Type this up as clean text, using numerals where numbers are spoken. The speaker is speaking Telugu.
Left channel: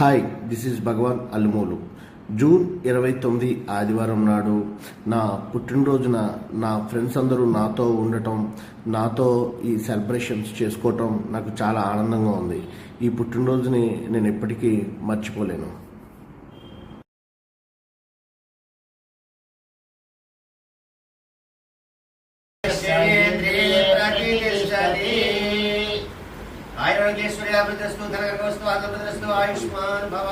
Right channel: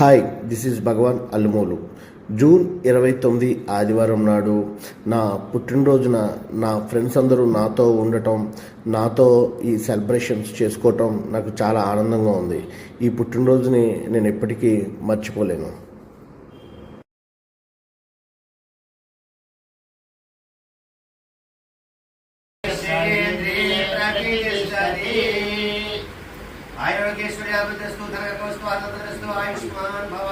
Hi, this is Bhagavan Allumulu. June 29 ఆదివారం నాడు నా పుట్టినరోజున నా ఫ్రెండ్స్ అందరూ నాతో ఉండటం, నాతో ఈ సెలబ్రేషన్స్ చేసుకోవటం నాకు చాలా ఆనందంగా ఉంది. ఈ పుట్టినరోజుని నేను ఎప్పటికీ మర్చిపోలేను. आयुर्वेश्वरी अमृतस्तु धनकर्मस्तु आत्मप्रदस्तु आयुष्मान भव।